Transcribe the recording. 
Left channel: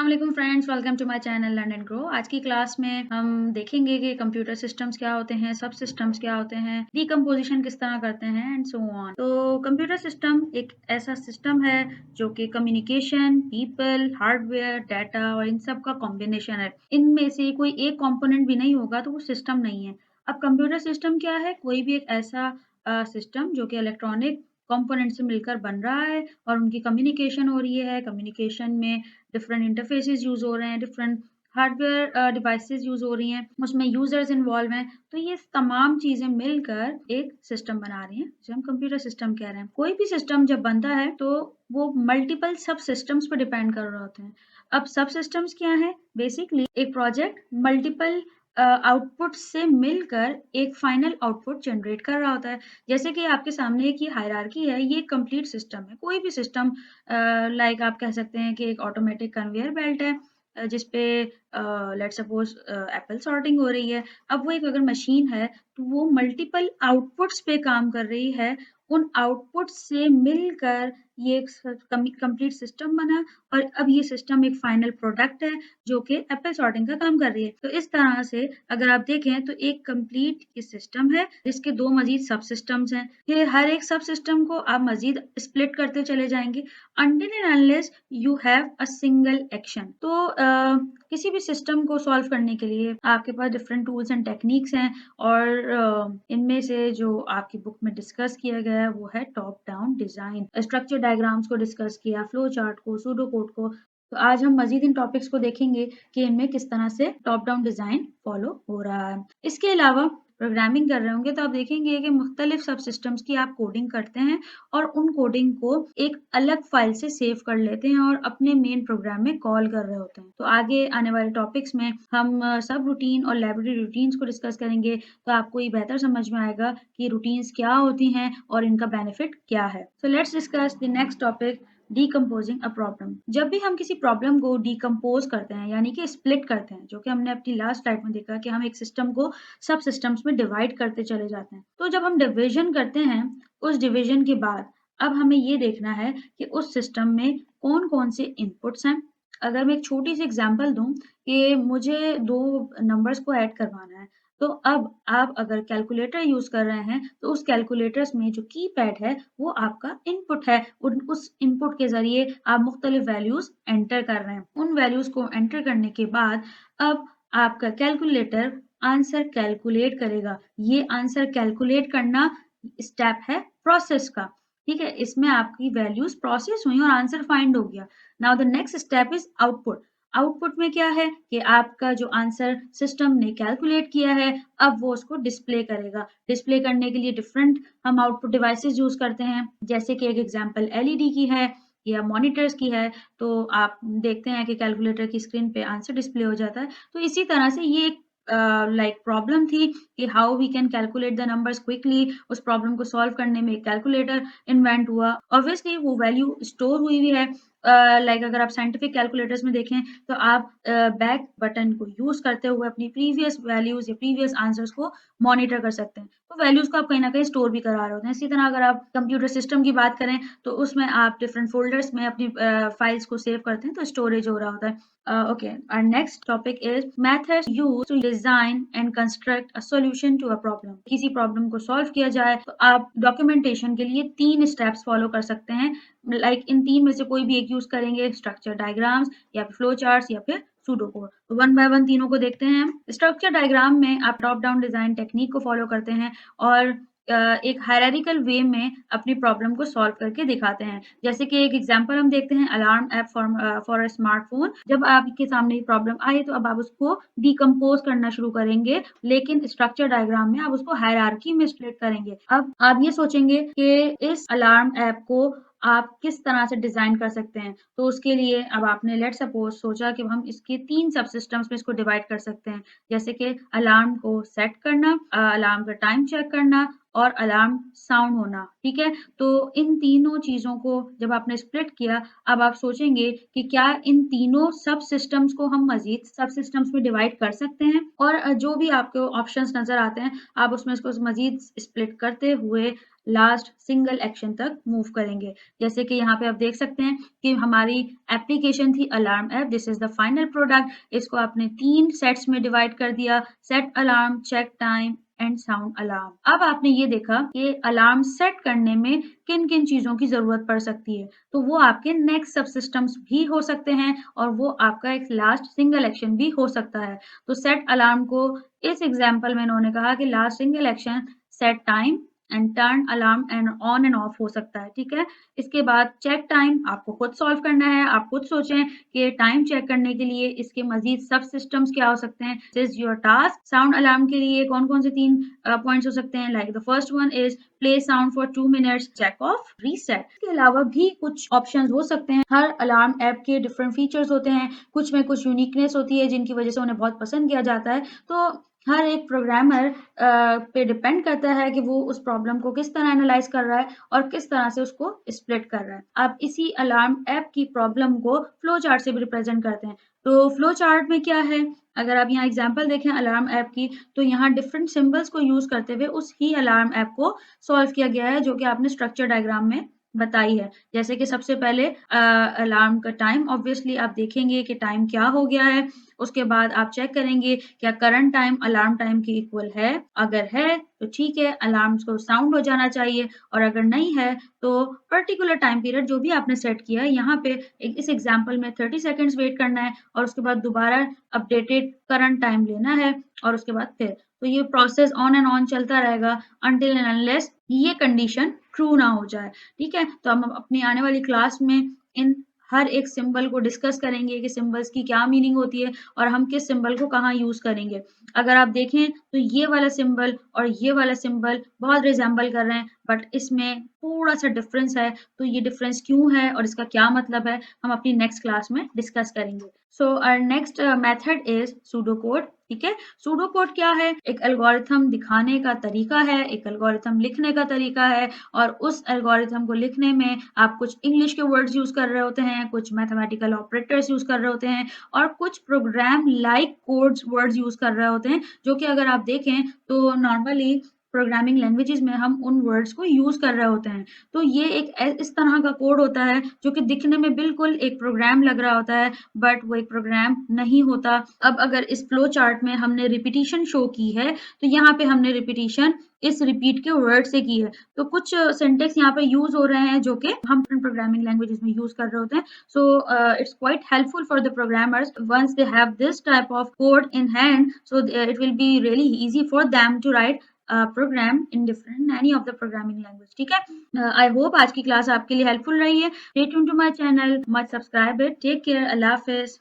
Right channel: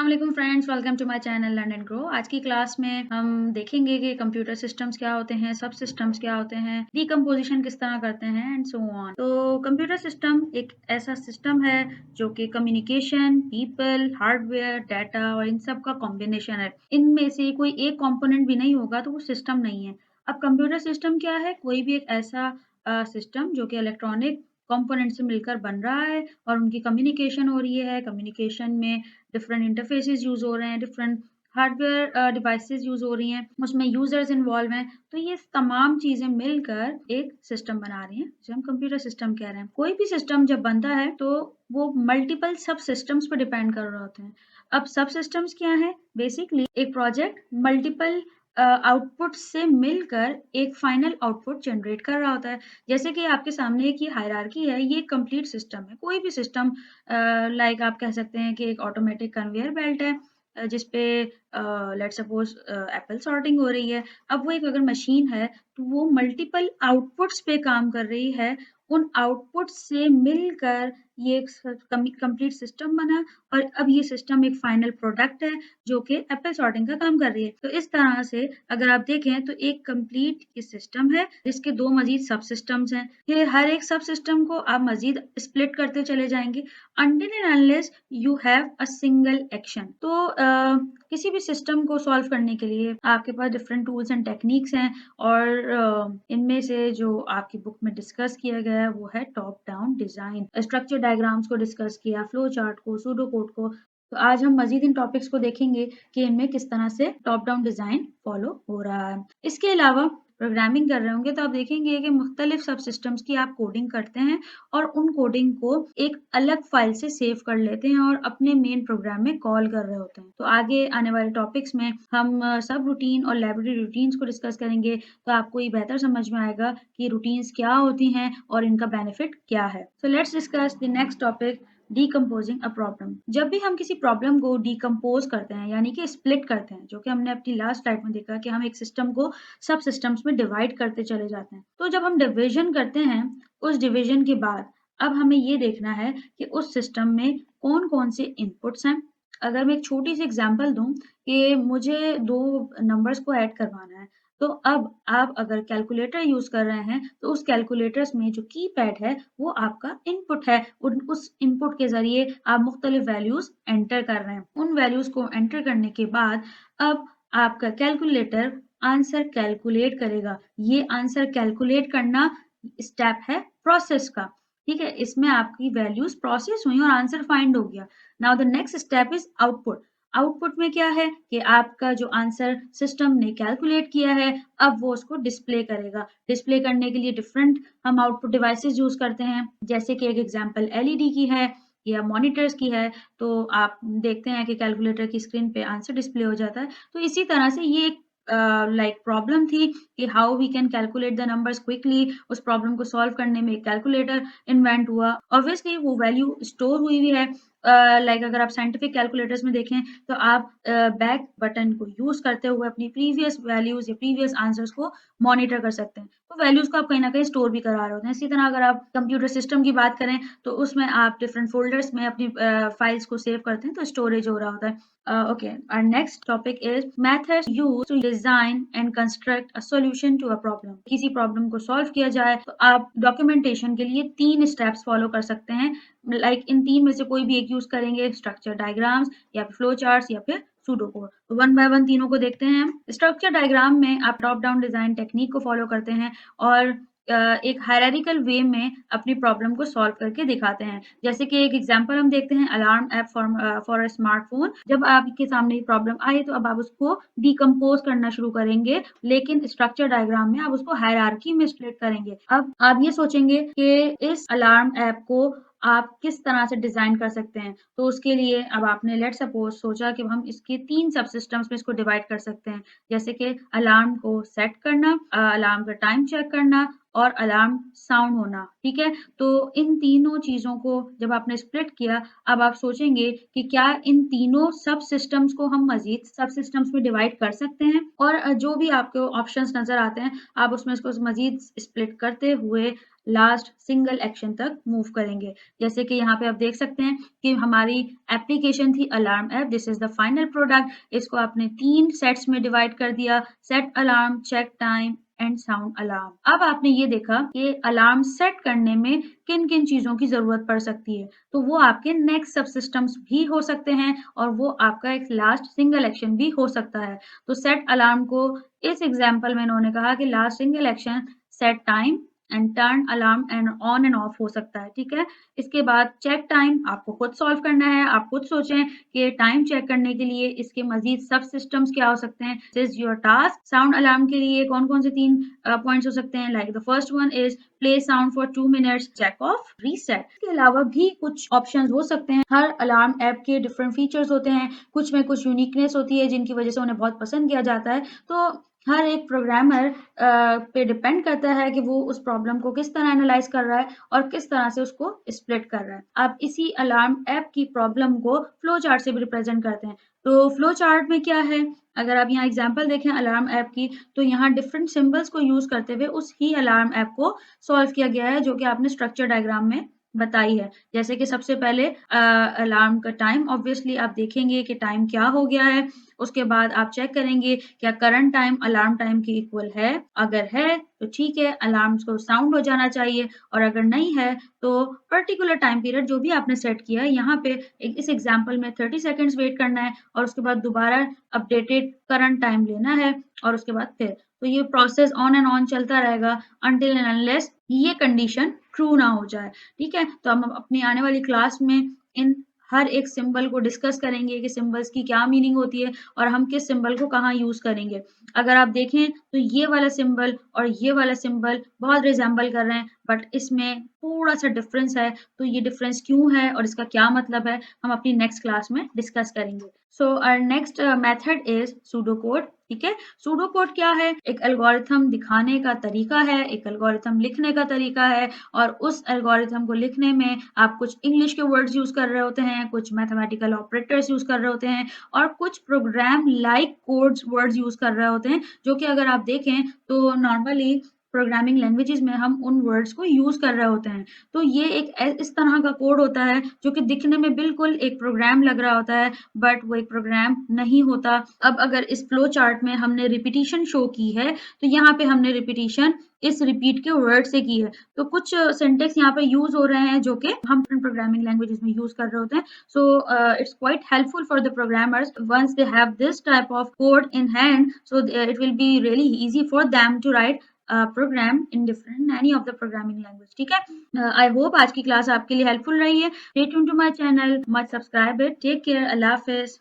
अस्सलाम वालेकुम friends, welcome to my channel learn and grow. आज की क्लास में हम देखेंगे कि कंप्यूटर सिस्टम्स क्या होते हैं, सब सिस्टम्स क्या होते हैं, डिकम्पोजिशन किस तरह करते हैं एंड सो ऑन। तो कंप्यूटर सिस्टम एक ऐसा सिस्टम है जो कि कम्युनिकेशन, पीपल, हार्डवेयर, डाटा और इन सब का कॉम्बिनेशन है। इनमें से कोई एक कंपोनेंट भी नहीं होगा तो वो सिस्टम नहीं है। अब कंप्यूटर सिस्टम क्या है? कोई भी एक ऐसा सिस्टम जो कि इलेक्ट्रॉनिक कंपोनेंट से मिलकर बन रहा है और उनकी कम्युनिकेशन हो रही है। कम्युनिकेशन में डिफरेंट इंटरफेसेस यूज़ हो रहे हैं, डिफरेंट हार्डवेयर डिवाइसेस यूज़ हो रही हैं, उसमें यूज़र्स इन्वॉल्व हैं। तो ये तमाम चीज़ें मिलकर एक सिस्टम बना रही हैं, जिसे हम कंप्यूटर सिस्टम कह रहे हैं। कोई भी सिस्टम जब बनता है तो वो मल्टीपल सब सिस्टम्स पर डिपेंड कर रहे होते हैं। अब सब सिस्टम्स क्या हैं? बेसिकली एक प्रोजेक्ट मल्टीपल आउटपुट से मिलकर एक फाइनल आउटपुट जनरेट कर रहा होता है। जैसे कि आपके सामने एक ये हायरार्की है, ये कंप्लीट सिस्टम है। कोई भी सिस्टम लाइक आप कह सकते हैं कि एक ऑटोमेटिक कन्वेयर बेल्ट है जिस पे लेट्स सपोज एप्पल सॉर्टिंग हो रही है। अब वो एक अगर मशीन है तो वो मल्टीपल आउटपुट्स पे काम कर रही है। उन आउटपुट्स से मिलकर ये एक कंप्लीट सिस्टम बना और अब ये सिस्टम एक फाइनल प्रोडक्ट है जो कि एप्पल सॉर्टिंग का काम कर रही है। तो इस तरह से अगर आप देखें तो एक कंप्लीट ये सिस्टम है जिसके दो मजीद सब सिस्टम्स हैं। ये हर एक सब सिस्टम को आप मजीद स्प्लिट करते चले जाएंगे until and unless you have a single action। तो किसी भी सिस्टम को सॉल्व करने के लिए आपके पास डिफरेंट टूल्स एंड टेक्निक्स हैं और इनमें से जो आपकी बुक में डिस्कस किया गया है वो है top down design. Structure diagrams को डिस्कस किया, फ्लो चार्ट को, सूडो कोड को। तो आज हम मजीद इन टॉपिक्स को देखेंगे कि इनमें किस तरह से टॉप डाउन डिजाइन फॉलो हो रहा है। इसके अलावा प्रोग्रामिंग कर रहे होंगे तो आप देखेंगे कि मुख्तलिफ सब सिस्टम्स की आप कोडिंग करते हैं और उन कोडिंग को एक अलग फाइल से सेव कर लेते हैं और अपने मेन प्रोग्राम में कॉल कर रहे होते हैं। तो आगे आने वाले टॉपिक्स में हम सब रूटीन और लाइब्रेरी रूटीन्स को डिस्कस करेंगे तो आपको ये बेहतर समझ में आएगा कि रूटीन्स क्या होती हैं और इनका बेनिफिट क्या है। So let's discuss the next topic, decomposing a problem. जब भी हम किसी प्रॉब्लम को डिकम्पोज करते हैं यानी कि स्प्लिट करते हैं, जो कि हमने अपनी लास्ट स्लाइड में देखा कि हम एक सिस्टम को सब सिस्टम्स में डिवाइड करते चले जाते हैं। तो जब हम डिवीजन करते हैं, उस डिवीजन के बाद अब हमें ये देखना है कि उस सिस्टम में कौन-कौन से इनपुट्स हैं। अगर मैं छोटी सी एग्जांपल दूं कि मुझे दो नंबर्स को ऐड करवाना है, तो अब आप अगर कैलकुलेटर यूज कर रहे हैं तो उस कैलकुलेटर्स में जो कीपैड है वो आपका इनपुट है और उस इनपुट के जरिए आप मुख्तलिफ वैल्यूज एंटर कर रहे हैं। उन वैल्यूज को एंटर करने के बाद अब आपका कैलकुलेटर आंसर कैलकुलेट करेगा। ये आंसर कैलकुलेट करना स्टेप है प्रोसेस का। ठीक है, इसमें आपकी वैल्यूज प्रोसेस हुई और आंसर फाइंड हो गया। Now the next step is output. Output में क्या है कि आपका जो आंसर सिस्टम ने कैलकुलेट किया है अब वो उसको डिस्प्ले करेगा। डिस्प्ले करने के लिए डिफरेंट हम आउटपुट डिवाइसेस यूज करते हैं, जैसे कि एक एग्जांपल एलईडी की है या मॉनिटर्स की है। तो आप देखते हैं कि कैलकुलेटर की स्क्रीन पे आंसर डिस्प्ले हो जाता है। तो इसी तरह से ये एक लाइक प्रॉब्लम थी कि how we can calculate the numbers quickly. उस प्रॉब्लम को सॉल्व करने में एक कैलकुलेटर इन्वेंट हुआ। ऑब्वियसली वो वैल्यू स्टोर हुई हुई है। लाइक अगर आप साइंटिफिक कैलकुलेटर्स में देखें तो आप बैक बटन को यूज करते हुए अपनी प्रीवियस वैल्यूज या प्रीवियस आंसर्स को मॉनिटर कर सकते हैं। तो वैल्यूज को आप कहीं ना कहीं स्टोर भी करा रहे होते हैं। इसी तरह अगर आप कंप्यूटर सिस्टम की बात करें तो उसमें आप डिफरेंट फोल्डर्स में अपनी फाइल्स को सेव करते हैं, तो स्टोरेज हो रहा होता है। Okay, our next topic is methods used to design and construct a solution to a problem। किसी प्रॉब्लम को सॉल्व किया जाए तो आप डॉक्यूमेंटेशन के लिए 3 स्टेप्स फॉलो कर सकते हैं। लाइक इन 3 में से कोई भी एक यूज करेंगे, स्ट्रक्चर डायग्राम्स या फिर फ्लो चार्ट्स या फिर सूडो कोड। तो वन बाय वन तीनों को देखते हैं। स्ट्रक्चर डायग्राम में आप टॉप डाउन डिजाइन टेक्निक को फॉलो करते हैं और एक हायरार्किकल वे में अपनी प्रॉब्लम को सॉल्व करके दिखाते हैं। जैसे कि एक एग्जांपल हम देखते हैं, alarm app for a smartphone. जब आपके सामने ये प्रॉब्लम आई तो अब आप उसको डिकम्पोज करना शुरू करेंगे, लेकिन स्ट्रक्चर डायग्राम में आप उसको हायरार्की में स्प्लिट करेंगे। अब आप ये सोचेंगे कि इस अलार्म ऐप को आप किस तरह से डिजाइन कर सकते हैं। तो उसके लिए अब आपने लेट सपोज सोचा कि हम इसके 3 सब सिस्टम्स में इसको डिवाइड कर सकते हैं, जैसे कि अलार्म को सेट करना, अलार्म का टाइम चेक करना और अलार्म साउंड होना। ठीक है, तो इन तीनों चीजों को जब आपने स्प्लिट किया, अब आप सोचेंगे कि क्या इन तीनों सब सिस्टम्स को हम मजीद सब सिस्टम्स में डिवाइड कर सकते हैं और जो भी आपको ऑप्शंस नजर आते हैं आप उसमें इसको मजीद स्प्लिट करते हुए लास्ट सिंगल एक्शन तक मूव करेंगे। जैसे कि यहाँ पे आप देख सकते हैं कि हमारी एप्लीकेशन थी alarm app, this is the final product. इसको आपने 3 सेट्स में डिवाइड कर दिया, set alarm, check time and sound alarm. अब आपने ये देखा कि अलार्म सेट करने में किन किन चीजों की जरूरत पड़ सकती है, तो वो आपके नेक्स्ट सब सिस्टम्स भी हो सकते हैं और वो आपका एक लास्ट सिंगल एक्शन भी हो सकता है। तो सेट अलार्म को इस एग्जाम्पल में इन्होंने कहा कि last single action set time and turn alarm and on end of हो सकता है, ठीक है। इसके बाद चेक टाइम आपको खुद सॉल्व करना है, आप खुद सोचें कि टाइम चेक करने के लिए इसके मजीद सब सिस्टम्स क्या हो सकते हैं। This is your task. Sound alarm के लिए कौन कौन से 3 पॉइंट्स हो सकते हैं, like the first one is play sound for 2 minutes, check off, reset. इसके अलावा भी कुछ ऑप्शंस हो सकते हैं। हर अलार्म ऐप के डिफरेंट फीचर्स होते हैं, कुछ में कुछ यूनिकनेस होती है जिनकी वजह से उन्हें बहुत पसंद किया जाता है। तो हर एक प्रोग्रामर पे डिपेंड करता है कि वो उस प्रॉब्लम को किस तरह एनालाइज कर रहा है और किस तरह से उसको स्प्लिट कर रहा है। आप इसी अलार्म ऐप की प्रॉब्लम को फ्लो चार्ट से भी रिप्रेजेंट करते हैं। तो फ्लो चार्ट में क्या है, अगर आप यहाँ एग्जांपल देखें अलार्म ऐप की, तो यहाँ डिफरेंट सिंबल्स को यूज करते हुए उस ही अलार्म ऐप को सॉल्व किया गया है, जो कि आपने स्ट्रक्चर डायग्राम में बताई है। जैसे कि सबसे पहले अलार्म का टाइम, ऑब्वियसली आप देखेंगे कि टाइम क्या हो गया है। उसके बाद आप चेक करेंगे क्या करंट टाइम अलार्म टाइम के इक्वल है, अगर है तो ठीक है, अलार्म को साउंड हो जाना चाहिए, और अगर नहीं है तो पर्टिकुलर टाइम पीरियड जो भी आपने सेट किया है, यहाँ पे इस एग्जांपल में 30 सेकंड्स वेट करना है और उसके बाद दोबारा अपडेटेड करंट टाइम लेना है और उसके बाद फिर, तो ये प्रोसेस ऑन एंड ऑन चलता रहेगा अनटिल एंड अनलेस ये कंडीशन ट्रू ना हो जाए, ठीक है। तो हम अपनी आने वाली क्लास में इन हर एक सिंबल को डिस्कस करेंगे कि सिंबल्स की क्या मीनिंग होती है और हम किस सिंबल को कहाँ यूज करेंगे। अगर आप देखें तो ये वाला सिंबल और ये वाला सिंबल बहुत रिजेंबल कर रहे हैं, बट इसमें थोड़ा सा डिफरेंस है। तो ये डिफरेंस क्यों है और इसका क्या मतलब है, हम अपनी नेक्स्ट क्लास में डिस्कस करेंगे। So our next method is pseudo code, ठीक है। सूडो कोड क्या है, एक एल्गोरिथम दिखाने का तरीका है, एक एल्गोरिथम लिखने का तरीका है, और उस एल्गोरिथम को लिखने में आप कुछ इंग्लिश के वर्ड्स यूज कर रहे होते हैं, कुछ मैथमेटिकल ऑपरेटर्स यूज कर रहे होते हैं, और कुछ program like codes words use कर रहे होते हैं, जो कि अगर आप देखें तो नॉर्मली प्रोग्रामिंग लैंग्वेजेस में हम उन वर्ड्स को यूज कर रहे होते हैं। तो ये एक इस तरह का कोड होता है जो कि दिखने में बिल्कुल एक प्रोग्राम लग रहा होता है, बट वो एक प्रोग्राम नहीं होता। अब अगर इस फ्लो चार्ट में हमने रिपीटिशन शो की है, तो यहाँ पे हमने रिपीटिशन इस रिपीट के वर्ड से की है। तो कुछ सिंटेक्स यहाँ पे यूज हो रहे हैं जो कि हम प्रोग्रामिंग लैंग्वेजेस में यूज कर रहे होते हैं। So it's quite helpful for the programmers once they have this type of code in hand, so it will be really easy for them to write program in different any of the programming language, ठीक है। I hope आज की class आपके लिए helpful रही है। Stay tune to my channel, must subscribe it. Take care, अल्लाह हाफिज।